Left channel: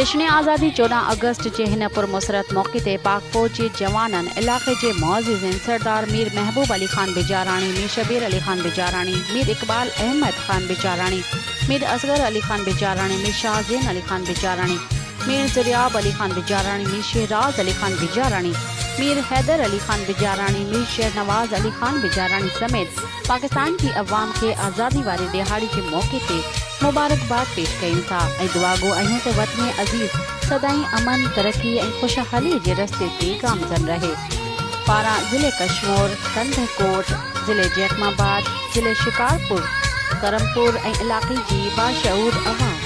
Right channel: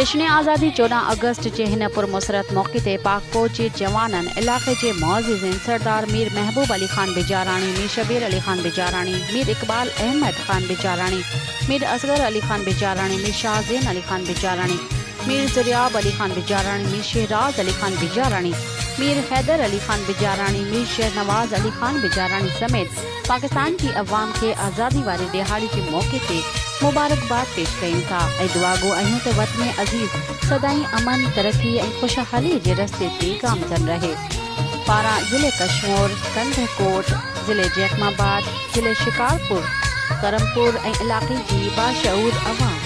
जश्न आज़ादी 14 अगस्त जे हिन पुरमसरत मौके ते पाक फौज जे जवाननि इलाक़े जे मुअज़्ज़िज़िन सरदार मीर महबूब अली खान बिजाराणी, मीर शबीर अली खान बिजाराणी, मीर इकबाल अहमद खान बिजाराणी, मीर असगर अली खान बिजाराणी, मीर शाहज़ैन अली खान बिजाराणी, मीर ज़रियाब अली खान बिजाराणी, मीर शहराज अली खान बिजाराणी, मीर हैदर अली खान बिजाराणी, मीर शहनवाज अली खान बिजाराणी समेत पाकिस्तान की अवाम के आज़ादी वारे दिहाड़ी के मौके ते मुबारकबाद पेश कयूं था ऐं दुआ गो आहियूं त वतन अज़ीज़ सदाई अमन, तरक्की ऐं खुशहाली जे रस्ते ते गामज़न रहे। पारा ज़िले कशमोर, कंधकोट, ज़िले जैकमाबाद, ज़िले शिकारपुर, करमपुर ऐं इलाक़े जी बाशऊर अवाम।